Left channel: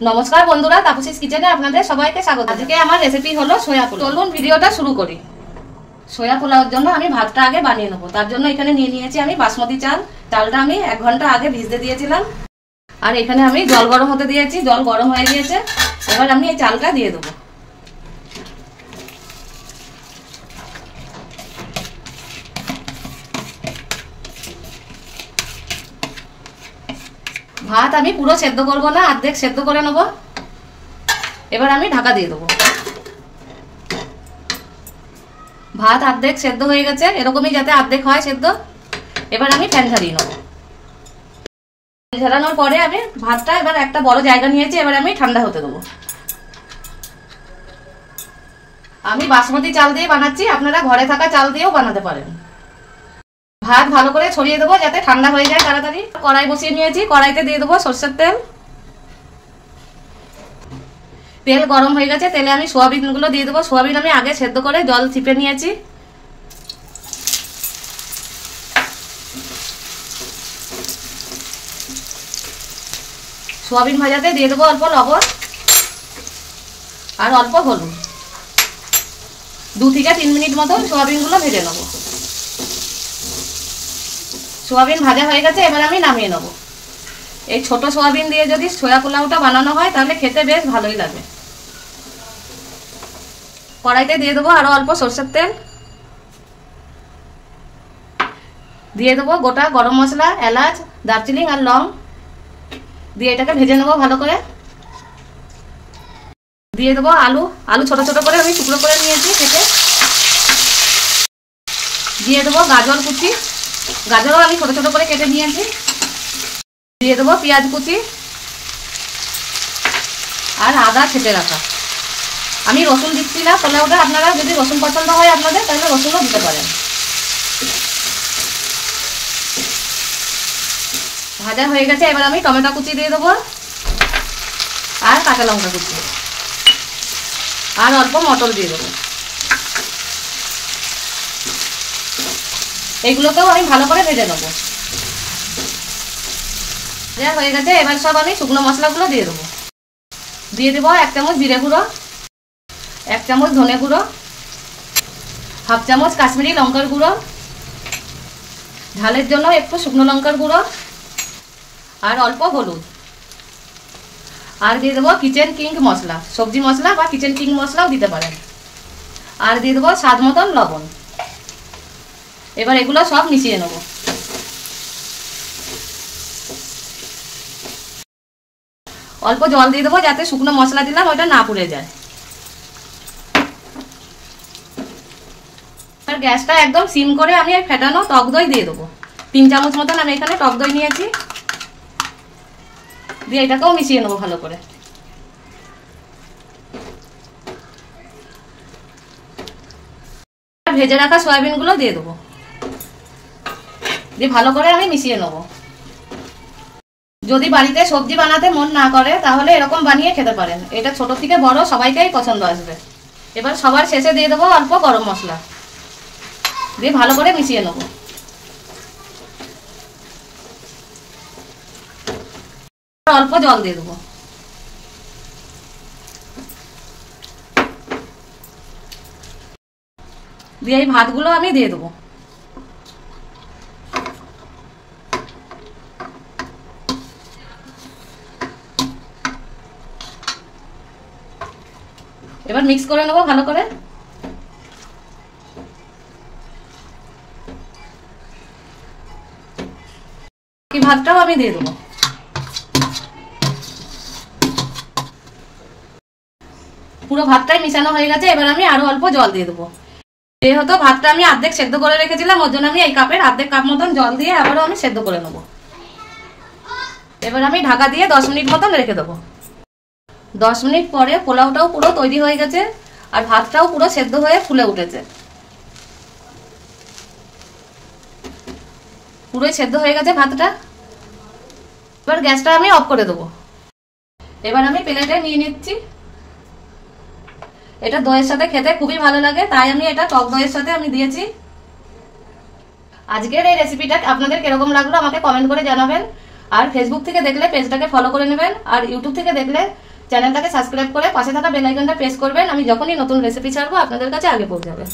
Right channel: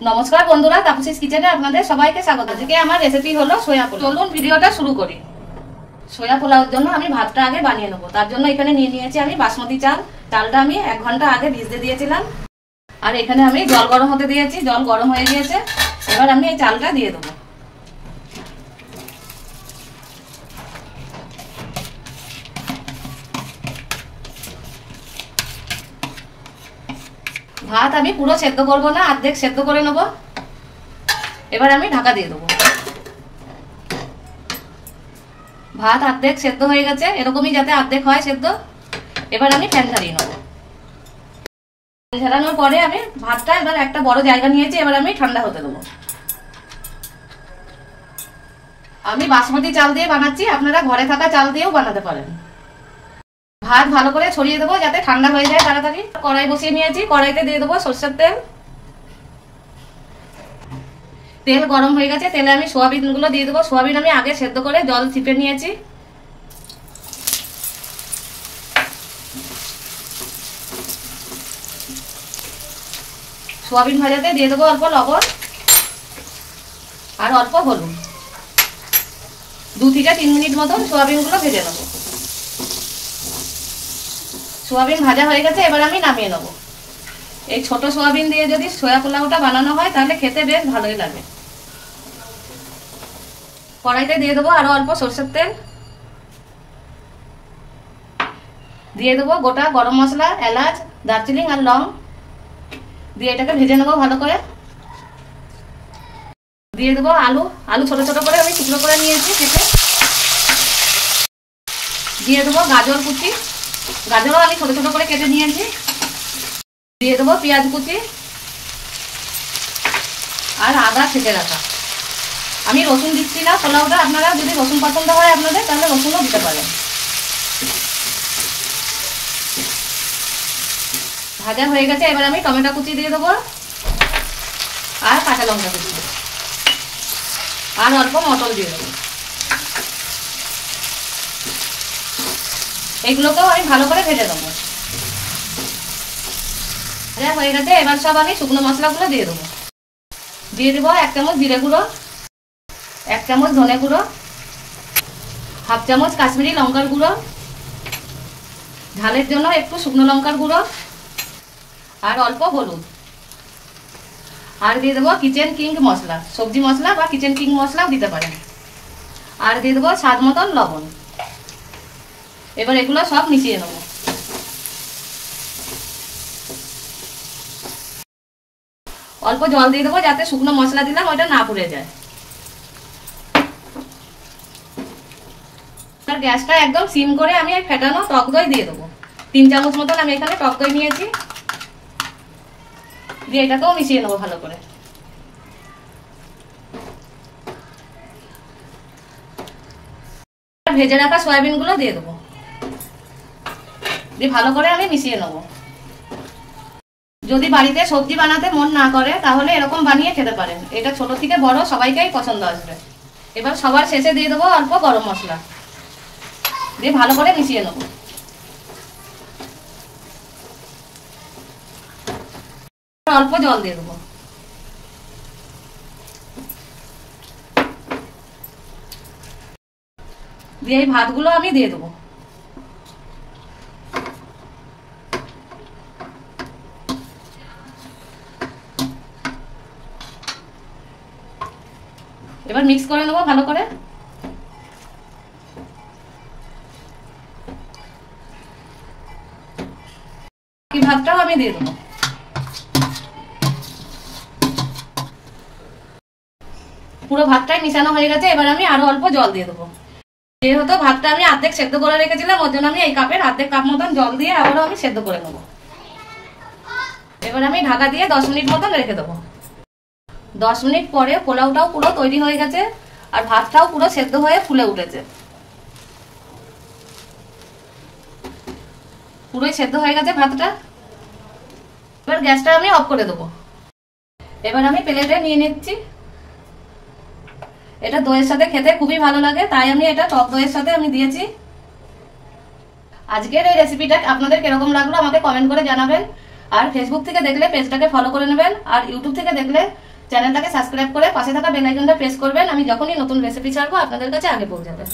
নমস্কার বন্ধুরা, তাপসীস কিচেনে আপনাদের সবাইকে স্বাগত। আজকে আমার রেসিপি হলো সোয়া পোলাও। চলুন ভিডিওটা শুরু করি। সোয়া পোলাওর জন্য আমি ভাতটা আগে বানিয়ে নেবো। তার জন্য এখানে নিয়ে নিয়েছি আমি বাসমতি চাল। চালটা আমি 1 ঘন্টা আগে ভিজতে দিয়েছিলাম। আর এখানে আমি জল গরম হতে দিয়েছি, জল গরম হয়ে গিয়েছে। এবার আমি এই চালটা দিয়ে দেবো। ভাত আমি পুরো সেদ্ধ করবো না, অর্ধেক সেদ্ধ করে নেবো। এবার আমি ঢাকা দিয়ে দেবো। ভাত অর্ধেক সেদ্ধ হয়ে গেছে, এরকমই যাতে অর্ধেক হয় সেদ্ধ। এবার আমি ফ্যান ঝাড়িয়ে নেবো। ঝাড়ানোর পরে আমি ভাতটা এবার একটা বড় জায়গা নিয়েছি, এবার আমি ঠান্ডা হতে দেবো। আমি বাসমতি চাল দিয়ে বানাচ্ছি, আপনারা ঘরে থাকা চাল দিয়েও বানাতে পারেন। ভাত ভালো করে ছড়িয়ে দেবো যাতে ঠান্ডা হয়ে যায় তাড়াতাড়ি। কড়াই বসিয়ে নিয়েছি, কড়াইতে দিয়ে দেবো সরষের তেল। তেল গরম হয়ে গেছে, তেলে আমি সোয়াবিন গুলো দিয়ে দেবো। সোয়াবিন আমি আগে সেদ্ধ করে জল চিপে নিয়েছি। সোয়াবিন ভাজাতে দিয়ে দেবো অল্প লবণ আর অল্প হলুদ। 2 থেকে 3 মিনিট মতো সোয়াবিন গুলো ভেজে নেবো। সোয়াবিন ভাজা হয়ে গেছে, এবার আমি নামিয়ে নেবো। এই ছোট সোয়াবিন দিয়ে যদি সোয়া পোলাওটা বানানো হয় তাহলে খেতে বেশ ভালোই লাগে। কড়াইতে দিয়ে দেবো আরো অল্প সরষের তেল। দিয়ে দেবো গোটা গরম মশলা, এলাচ, দারচিনি আর লং দিয়ে এটাকে ভেজে নেবো ভালো করে। দিয়ে দেবো আলু। আলু ছোট ছোট করে আমি টুকরো করে নিয়েছি কেটে। দিয়ে দেবো গাজর কুচি। গাজরও আমি ছোট ছোট করে কেটে নিয়েছি। দিয়ে দেবো পেঁয়াজ কুচি আর আদা ছেঁচে রাখা। আমি রসুন দিচ্ছি না পোলাওটা, আপনারা যদি রসুন পছন্দ হয় আপনাদের তাহলে রসুনও দিতে পারেন। ভাজা হয়ে গেছে, এবার আমি টমেটো কুচি দিয়ে দেবো আর কাঁচা লঙ্কা কুচি আর অল্প মটর দিয়ে দেবো। এইগুলোকেও আমি ভালো করে ভেজে দেবো। ভাজা হয়ে গেছে, এবার সব আমি শুকনো মশলাগুলো দিয়ে দেবো। দিয়ে দেবো 1 চামচ জিরে গুঁড়ো, 1 চামচ ধনে গুঁড়ো, 1/2 চামচ কাশ্মীরি লঙ্কার গুঁড়ো, ঝালের জন্য একটু শুকনো লঙ্কার গুঁড়ো আর অল্প হলুদ। আর দিয়ে দেবো কিচেন কিং মশলা, সবজি মশলা বা কিচেন কিং মশলাও দিতে পারেন। আর দিয়ে দেবো স্বাদ মতন লবণ। এবার এগুলো সব মিশিয়ে নেব। অল্প জল দিয়ে দেবো যাতে শুকনো মশলা দিলাম ওটা না পুড়ে যায়। গ্যাসটা একদম সিম করে আমি ফেটানো টক দই দিয়ে দেবো। 3 চামচ মতন আমি এখানে টক দই নিয়েছি। দিয়ে এটাকেও মিশিয়ে নেবো ভালো করে। ভেজে রাখা সয়াবিন গুলো দিয়ে দেবো। দিয়ে ভালো করে আমি মিশিয়ে নেবো। যদি বাড়িতে সবজি বানাতে মন না করে তাহলে এরকম বানিয়ে খেতে পারেন। এটা ছোট থেকে বড় সবাইকেই পছন্দ আসবে। এবার সবার শেষে দিয়ে দেবো অল্প গরম মশলা। দিয়ে ভালো করে মিশিয়ে নেবো। অল্প জল দিয়ে দেবো। দিয়ে এই ভাতগুলো আমি দিয়ে দেবো। এবার মিক্স করে নেবো ভালো করে। ভাতটাও আমি দিয়ে দেবো। পুরো ভাতটাই মিশানো হয়ে গেছে, এবার আমি আরো অল্প জল দিয়ে দেবো। যেহেতু ভাতটা আমি অর্ধেক সেদ্ধ করে রেখেছিলাম ওর জন্য আমি এই কাপের অর্ধেক কাপ মতন জল দিয়ে আবারও আমি সেদ্ধ করে নেবো। এবার আমি ঢাকা দিয়ে 10 মিনিট মতন রেখে দেবো। 10 মিনিট পরে পোলাওটাও পুরো তৈরি হয়ে গেছে আর ভাতটাও পুরো সেদ্ধ হয়ে ফুলে উঠেছে। পুরোই সেদ্ধ হয়ে গেছে ভাতটা। এবার গ্যাসটা আমি অফ করে দেবো। এবার আমি প্লেটে নিয়ে নিচ্ছি। এটা দইয়ের সাথে খেতে খুবই ভালো লাগে, তাই আমি এটা টক দইয়ের সাথে আমি দিয়েছি। আজকের এই রেসিপিটা আপনাদের কিরকম লাগলো আমাকে কমেন্ট করে জানাবেন। আর ফেসবুক থেকে দেখলে পেজটাকে ফলো করে নেবেন, আর ইউটিউব থেকে দেখলে চ্যানেলটাকে সাবস্ক্রাইব করে পাশে থাকা বেল আইকনটা প্রেস করবেন। আমি যখনই নতুন রেসিপি ছাড়বো আপনাদের কাছে আগে পৌঁছাবে।